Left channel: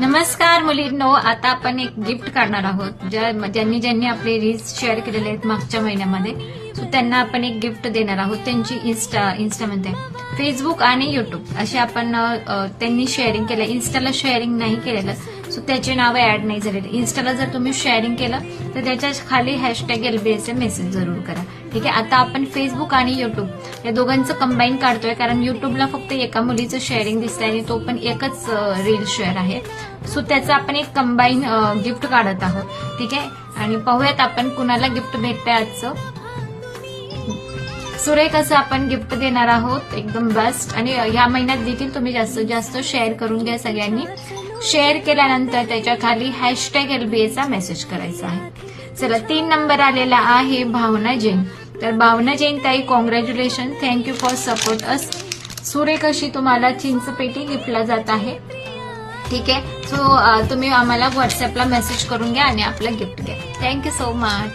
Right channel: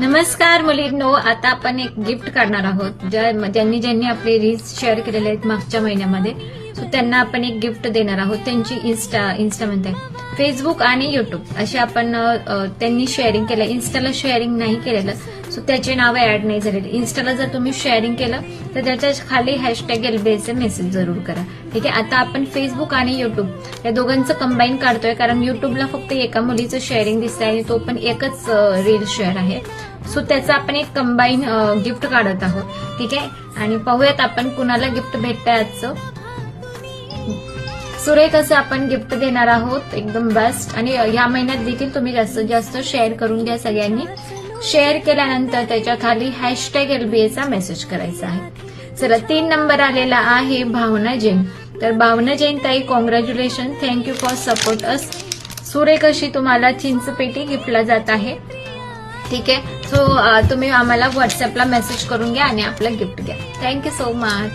नमस्कार मुलींनो, आता आपण एक गिफ्ट काढणार आहोत. ज्यांनी आपले रील्स शेअर केलेले आहेत मागच्या महिन्यामध्ये, सो त्यांना आपण एक गिफ्ट देणार आहोत. त्यांची इन्स्टा म्हणते फेसबुक आणि युट्यूब असे आपण त्यांनी शेअरिंग केलं. इन्स्टाला शेअरिंग नाही केलेलं, सो त्याचे नाव ऍड नाही झालेले. इन्स्टाला जर तुम्ही शेअरिंग केलं तर त्याच्या खाली हॅशटॅग LBAचे मेसेज जरूर करा. ठीक आहे. आता आपण फेसबुक आणि युट्यूब या दोघांचं कंबाईन काढतोय, कारण युट्यूबला फक्त एका मुलीचं शेअरिंग दिसतंय आणि तो पण एकच रील शेअर आहे. सो त्याचं आपण एक कंबाईन गिफ्ट काढत आहोत. ठीक आहे. आणि पाहूयात आपण कुणाला गिफ्ट भेटतंय आजचं. सुरेख असं आपण गिफ्ट देणार आहोत, एकदम बेस्ट. आणि ह्या महिन्यात देखील तुम्ही जास्तीत जास्त शेअर करून द्या सगळ्यांनी. शेअर केल्यानंतर त्याच्या खाली हॅशटॅग LBAचा मेसेज करायचा आहे. चला, 3 नंबर आलेला आहे भावना जैन. तर भावना जैन ताई, congratulation, thank you for support us. सुरेख अशी तुम्हाला चिंचपेटी गिफ्टला जात आहे. ठीक आहे. सो तुम्ही आम्हाला व्हॉट्सअपला मेसेज करून द्या आणि आपलं गिफ्ट द्या. Thank you so much.